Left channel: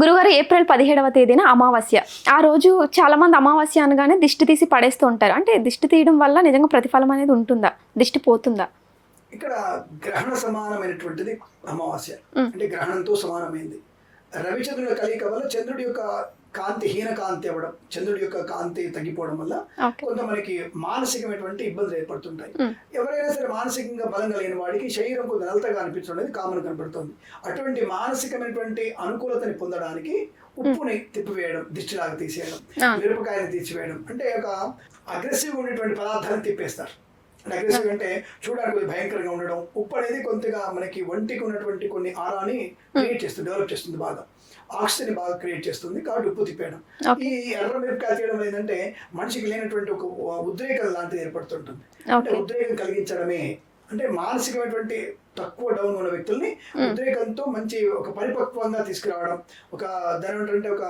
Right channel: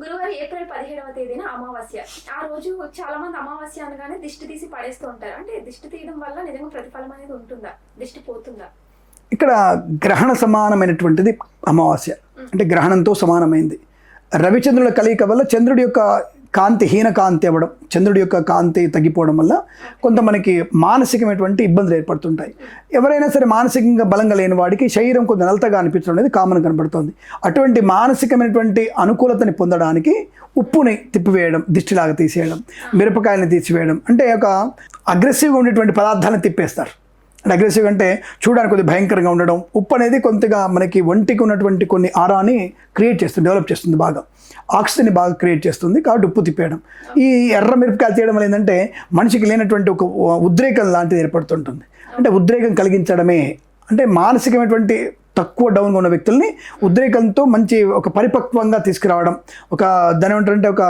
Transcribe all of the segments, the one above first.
గురుగారు ఏప్రిల్ 17వ తేదీన అమావాస్య. ఆ రోజు చాలామంది అమావాస్య అనగానే దిష్టి తీసి పడేస్తూ ఉంటారు. అంటే దిష్టి తీయడం వల్ల నిజంగా ప్రతిఫలం అనేది ఉంటుందా? దిష్టి పోతుందా? ఇక్కడ గ్రహణ సమానమైనటువంటిది అమావాస్య. అంటే గ్రహణంతో సమానమైంది. రవిచంద్రుల కలయిక వల్ల చంద్రుడి యొక్క కాంతి హీన కాంతి అవ్వడం, చంద్రుడి యొక్క కాంతి తగ్గిపోవడం వల్ల కొంత మనకి మానసికమైనటువంటి ఇబ్బందులు ఏర్పడుతుంటాయి. ఎవరైనా సరే మానసికంగా బలంగా లేని వాడికి శరీరం కొంత నలతగా అనిపించడం అనేది కామన్ కనబడుతుంది. అటువంటి మానసికమైనటువంటి అనుకూలతని పొందడానికి ఉప్పుని తిప్పివేయడం, దిష్టిలాగా తీసేయడం, మిరపకాయలను తీసివేయడం, అంటే ఒక అగ్రెసివ్గా ఉండేటువంటి పదార్థాలను తిప్పేస్తారు. అంటే అగ్రెసివ్ అంటే చూడడానికి కొద్దిగా భయంకరంగా ఉండడం. ఉప్పు అనేది కొంతగా మనకి ఒంటికి ఉన్నటువంటి కొన్ని ఆరాని క్రియేట్ చేస్తుంది, డెవలప్ చేస్తుంది, బాగా ఆక్సిజన్ బాగా క్రియేట్ చేస్తుంది. కాబట్టి ఉప్పు తిప్పేయడం. ఈ ఎర్ర మిరపకాయలు తీయడం వల్ల ఏంటంటే మనిషికి లేనటువంటి ఒక ఉద్రేకం లాంటిది ఏర్పడుతుంటుంది. అంటే ఉద్రేకం కలిగించడమే, అంటే మానసికమైనటువంటి తక్కువ డౌన్గా ఉన్న వ్యక్తుల్ని ఉద్రేకంతో మంచి ఒక పరిపక్వంగా తీసుకురావడం, ఒక దాని ఏమంటారంటే ఒక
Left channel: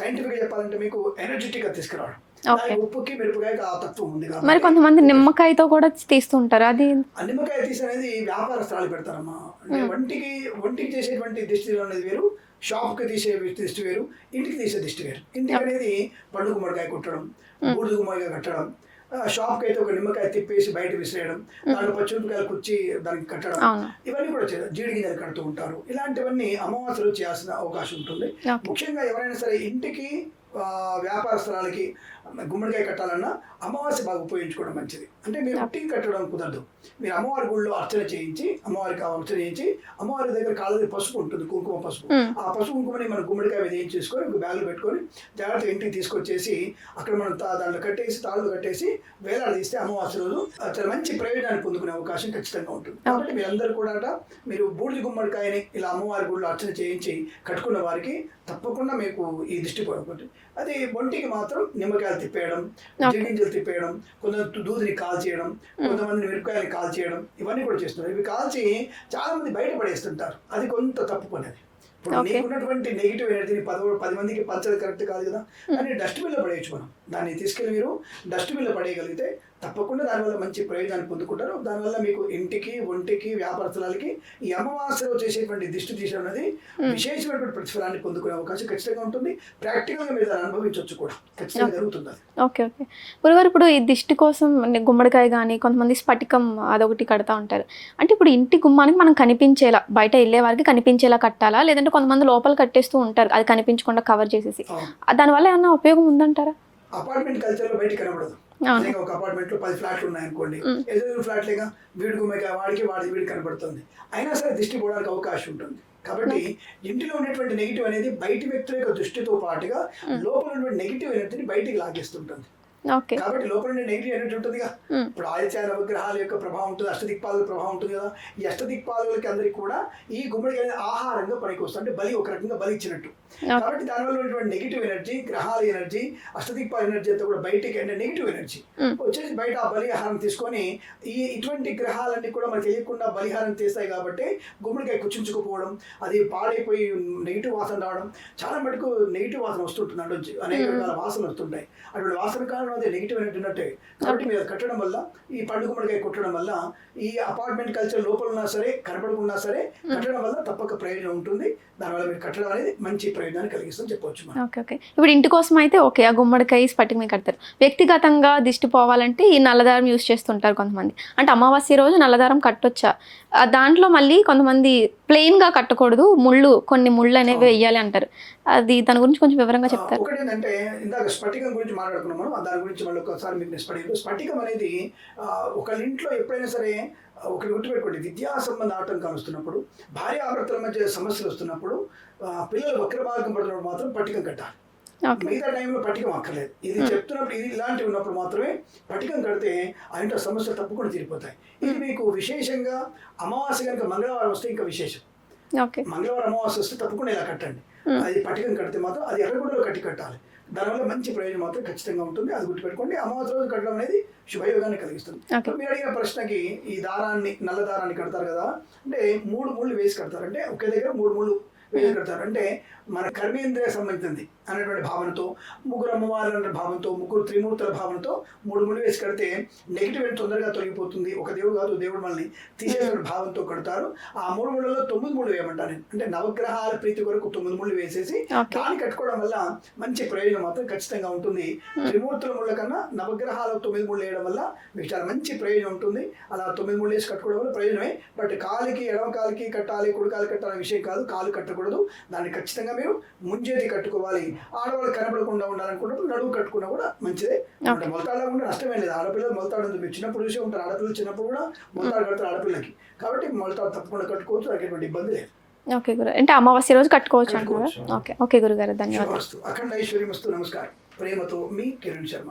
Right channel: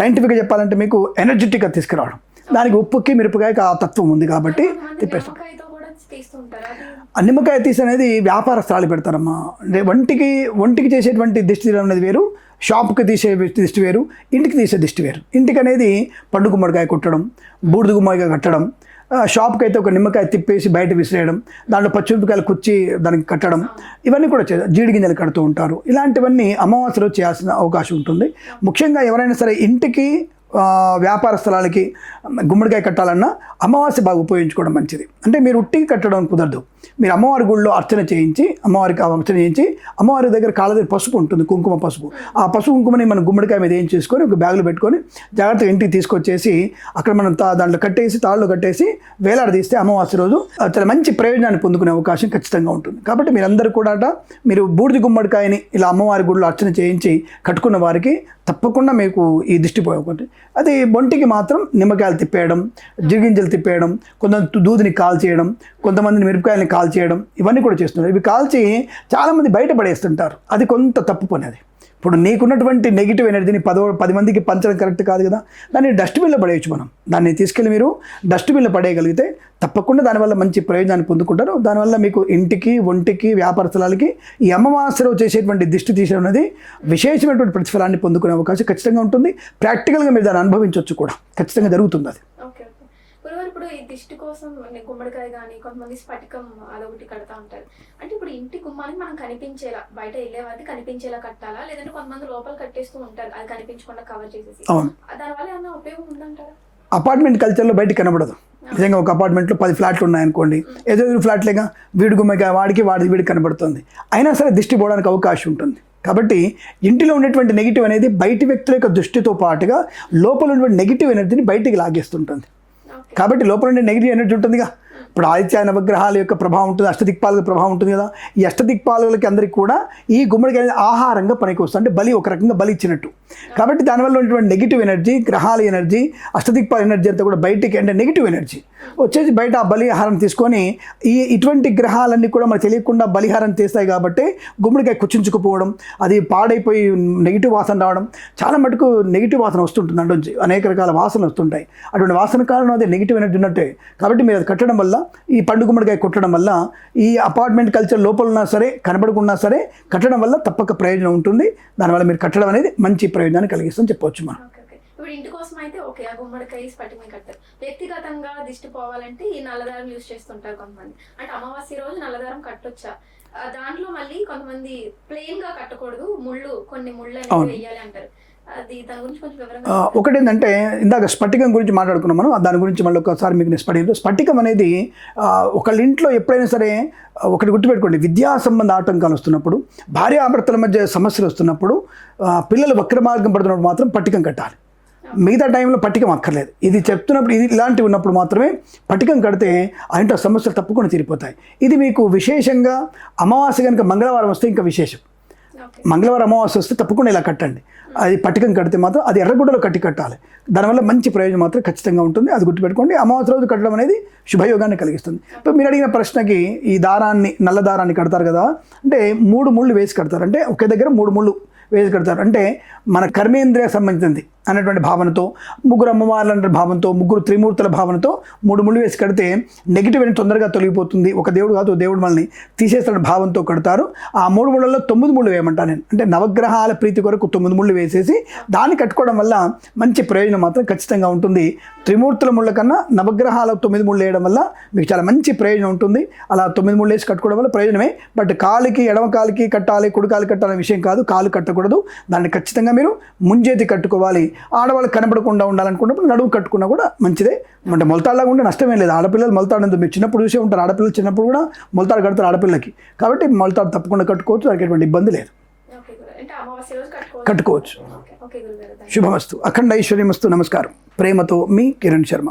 సైంటిఫిక్గా చెప్పాలంటే మీకు ఎనర్జెటిక్గా తీసుకురావడం. దానికి ఉప్పుకి మిరపకాయకి ఆ తత్వం ఉంది కాబట్టి కొంతమంది నిమ్మకాయతో కూడా తీస్తుంటారు. అది నిమ్మకాయ తీసి అనేది వ్యాపారస్తులు పెడతారమ్మా. అంటే ఒంటికి చేసేటువంటి దిష్టి తీయడం అనేది వేరు, షాప్కి తీసే దిష్టి వేరు, ఇంటికి తీసే దిష్టి వేరు. ఇంటికి అనేది పండు గుమ్మడికాయ కొట్టడం, బూడిద గుమ్మడికాయ కట్టడం, షాప్కి అయితే ఒక నిమ్మకాయ తిప్పేసి బయట విసిరేయడం, దాంట్లో పచ్చిమిరపకాయలు కుచ్చి దానికి కట్టడం, ఇవన్నీ కూడా జీడి గింజలు కడుతూ ఉంటారు. ఇలాంటివన్నీ అమావాస్యలో చేయాల్సిన అవకాశం ఉంటుంది. ముఖ్యంగా ఎవరైనా సరే ఇంటికి వ్యాపార స్థలాలకి గుమ్మడికాయ కట్టాలన్నా అమావాస్య బాగా ఉపయోగించుకోవడం మంచిది. అంటే మీరు ఉట్టికి కట్టడం కుదరదు. మీరు అమ్మవారి గుళ్ళో అర్చన చేయించి, అమ్మవారి దగ్గర కాళ్ళ దగ్గర పసుపు ఉంటుంది, కుంకుమ పసుపు. ఆ పసుపు కుంకుమని మనం గుమ్మడికాయ మీద ఏం చేసుకొని ఒక బ్యాగులో పెట్టుకొని జాగ్రత్తగా ఇంటికి తీసుకొచ్చేసి అక్కడ మనం దాంట్లో కట్టేసి తాళ్ళు కట్టేసి వేలాడదీస్తే అమావాస్య రోజు చాలా మంచి ప్రయోజనాన్ని పొందుకునే అవకాశం ఖచ్చితంగా ఉంటుంది. కాబట్టి మీరందరూ కూడా మీరు బూడిద గుమ్మడికాయని ఇలా అమ్మవారి గుళ్ళో అర్చన చేయించి కట్టుకున్న వారికి తప్పకుండా మీకు ఈ దిష్టి పోయకూడదు. అది ఒంటికి మాత్రం నిమ్మకాయలు తిప్పేయడం, జిగింజలు తిప్పేయడం, కొంతమంది దూదిని కాల్చేయడం, కొంతమంది మిరపకాయలని కాల్చేయడం, ఇవన్నీ కూడా చేస్తున్నారు. ఇవి కాల్చి చాలామంది బయటపడేస్తుంటారు. అది కొంత తప్పు పని. అది ఇప్పుడు నీకున్నటువంటి నెగిటివ్ ఎనర్జీని 10 మందికి పంచడం కరెక్ట్ కాదు కదా. దాన్ని డస్ట్బిన్లో పడేయచ్చు. మనం దాన్ని తీసుకెళ్ళి మీరు డస్ట్బిన్లో పడేయగలిగితే తప్పకుండా దానివల్ల మంచి ప్రయోజనాన్ని పొందుకుంటారు. దానివల్ల మీకు ఇంటికి, ఒంటికి, వ్యాపార స్థలాలకి ఈ అమావాస్యలో చేసేటువంటి దిష్టి తీయడం అనేది విశేషమైనటువంటి ప్రతిఫలాన్ని పొందుకునే అవకాశం ఖచ్చితంగా ఉంటుంది. ప్రాక్టికల్గా మీరు దాన్ని అనుభవించవచ్చు కూడా, ఖచ్చితంగా జరుగుతుంది అది. ఓకే. గురుగారు, ఇప్పుడు ఈ దిష్టి కోసం గుమ్మడికాయ కానీ కొంతమంది స్ఫటికం అదొకటి కడతా ఉంటారు. అంటే ఇప్పుడు ఇంటి గుమ్మానికి మనం కనిపించేలా, బయట వెళ్ళే వారికి కనిపించేలా కట్టాలా, లేదంటే కొంతమంది లోపల కట్టేస్తూ ఉంటారు అది కనిపించకుండా కవర్ చేసేసి, దానివల్ల ఏమన్నా ఉపయోగం ఉందంటారా? అపార్ట్మెంట్ కల్చర్లో బయటికి కనబడదు. నిజంగా ఒక అపార్ట్మెంట్లో 10 ఫ్లాట్లు ఉన్నాయనుకోండి, ఏదో ఫ్లాట్లేగా వీడి గుమ్మడికాయ వీడికి కనబడుతుంది. అయినా సరే దిష్టి పోవడానికి అవకాశం ఉంటుంది. కాబట్టి ఇంటిలో ఉన్నటువంటి నెగిటివ్ అనేది బయటి వ్యక్తుల యొక్క దృష్టితో పాటుగా లోపల ఉన్నటువంటి నెగిటివ్ ఎనర్జీని బయటికి లాగేస్తుంటుంది. కాబట్టి లోపల ఉండే నెగిటివ్ ఎనర్జీ ఉంటుందిగా. ఇప్పుడు ఆదిత్య నవగ్రహాల యొక్క ప్రభావం ఉంటుంది, అష్టదిక్పాలక ప్రభావం ఉంటుంది కదా. ఈ అష్టదిక్పాలకులకి అందరికీ కూడా ఈ గుమ్మడికాయ ఆహారంగా పనికి వస్తుంది. అంటే బలి, ఒక రకంగా బలి ఇచ్చినట్టు. కాబట్టి దానివల్ల ఉన్నటువంటి నెగిటివ్ ఎనర్జీ, గ్రహాల ఎనర్జీ, అష్టదిక్పాల ఎనర్జీ అంతా కూడా బయటికి, అంటే నెగిటివ్ ఎనర్జీ వచ్చేసి బయట ఆ బలి ఆహారం తీసుకొని ఇటువంటి గ్రహాలన్నీ కూడా మనకు తెలియకుండా బలిహారం చేస్తాయి. కాబట్టి గుమ్మడికాయ కుచించుకుపోవడం, అది పాడైపోయి నెగిటివ్ వాసన రావడం, చాలా మటుకు నెగిటివ్ వాసన వస్తుంటుంది. అంటే అనేక రకాల వాసనలు వస్తుంటాయి. అటువంటి వాసన కారణం అదే నెగిటివ్ ఎనర్జీ ఉన్నట్టే. కాబట్టి మీరు అది కట్టడం వల్ల, ఈ పండు గుమ్మడికాయ కొట్టడం వల్ల, ఈ అపార్ట్మెంట్ కల్చర్ లోపల ఉన్నా సరే కనబడకున్నా సరే కట్టడం వల్ల తప్పక ప్రయోజనం ఉంటుంది. దానివల్ల మీరు కట్టడం అనేది మంచి ప్రయోజనాన్ని కలిగిస్తుందని చెప్పవచ్చు మనం. ఓకే. ఇప్పుడు ఇంటి కోసం అయితే ఓకే, ఆ గుమ్మడికాయ స్ఫటికమే కడతారు. వ్యక్తిగతంగా దిష్టి పోవాలంటే ఈ నల్లదారం యూజ్ చేస్తుంటారు కొంతమంది. అంటే అమావాస్య రోజు నల్లదారం కట్టొచ్చా? దాంట్లో మళ్ళీ కొంతమంది ప్లెయిన్గా కట్టకూడదు, కొన్ని ముళ్ళు అనేవి వేయాలి అంటారు. అది దాని గురించి కొంచెం వివరంగా చెప్తారు. ఒకటి ఏంటంటే ఇందాక స్ఫటికం గురించి మాట్లాడుకున్నాం మనం. దాని గురించి మళ్ళీ ఒకసారి మీకు స్ఫటికం అనేది ఒకళ్ళ ఇంట్లో ఎప్పుడైనా సరే ఒకటి గుర్తుపెట్టుకోండి, విద్యా సంబంధ ఆటంకాలు వస్తున్నప్పుడు, భార్యాభర్తల మధ్య సమస్యలు వస్తున్నప్పుడు, పిల్లలు వక్ర మార్గం పడుతున్నప్పుడు మాత్రం పట్టికం కట్టాలి. మిగతా టైంలో పట్టికం అక్కర్లేదు. ఇది చెప్తున్నప్పుడు, ఇది ఇలాంటివి ఉన్నప్పుడు మాత్రమే పట్టికం కడితే ఆ ఇంట్లో సమస్యలు తప్పకుండా తీరిపోతాయి. ఇది మీకు విశేషంగా అమావాస్య కనుక మంగళవారం వస్తే ఇంకా విశేషం. మంగళవారం అమావాస్య వస్తే తప్పకుండా ఇలా కట్టండి. అది పట్టికం కడితే మాత్రం అది ఎర్రగుడ్డలో కట్టాలి. దానివల్ల మంచి ప్రయోజనం మాత్రం ఖచ్చితంగా ఉంటుంది. అది గుర్తుపెట్టుకోండి. అమావాస్య రోజు కట్టడం అనేది శుభయోగాన్ని కలిగిస్తుంది. ఇప్పుడు మీరు అడిగిన ప్రశ్నకి, ఈ దారాన్ని, నల్ల దారాన్ని కడతారు కదా, అంటే 3 ముళ్ళు వేసి కడతారు. అంటే ఒకే దగ్గర 3 ముళ్ళు వేసి కడతారు. అంటే మన కర్మేంద్రియ సంబంధించింది అనేటువంటి భావనతో, ముగ్గురు అమ్మవార్ల అనే భావంతో, ముగ్గురు త్రిమూర్తుల భావనతో 3 ముళ్ళు వేసి కడితే నెగిటివ్ అనేది తొందరగా తొలగిపోతుంది, ఒక దేవుడు కాదు దేవుడు మనల్ని తీసేస్తున్న భావంతో కడతారు. ఆ 3 ముళ్ళల్లో 9 ముళ్ళు వేయమంటాను నేను. అంటే నవగ్రహాల ప్రీతి కొరకు 9 ముళ్ళు వేసేసి దాన్ని కట్టుకోవడం వల్ల మంచి ప్రయోజనం మాత్రం ఖచ్చితంగా ఉంటుంది. త్రిమూర్తుల ముళ్ళ కన్నా నవగ్రహాల 9 ముళ్ళు వేయడం వల్ల మీకు చాలా మంచి ప్రయోజనం ఉంటుంది. అలా 9 ముళ్ళు వేసి కట్టుకోవడం వల్ల ప్రయోజనమే. బట్ కాలికి, ఎడమ కాలికి కట్టాలి, కుడి కాలు కట్టాలనే విషయం కాదు. కాలు కట్టకూడదు, దాన్ని ఖచ్చితంగా మీరు ముంజేతి కట్టుకోవాలి. ఆడవాళ్ళు కనపడకుండా ఉండాలనుకున్నప్పుడు నడువు కట్టుకున్నా కూడా మంచిదే. అంటే మొలతాడులాగా ఉంటే నష్టమే లేదు. ఆడపిల్లలు మొలతాడు మీరు చిన్నప్పుడు చూసే ఉంటారు, ఆడపిల్లలు చిన్నప్పుడు కూడా మొలతాడు కడతారు ఆడపిల్లలకి. కాబట్టి మొలతాడు తప్పకుండా కట్టుకోవచ్చు, దానికి ఎటువంటి ఇబ్బంది లేదు. ఓకే గురు, అంటే అమావాస్య రోజు కట్టుకోవచ్చు. ఓకే గురుగారు, శుభమస్తు, అఖండ ఐశ్వర్యమస్తు. నమస్కారం. ప్రేమతో మీ కిరణ్ శర్మ.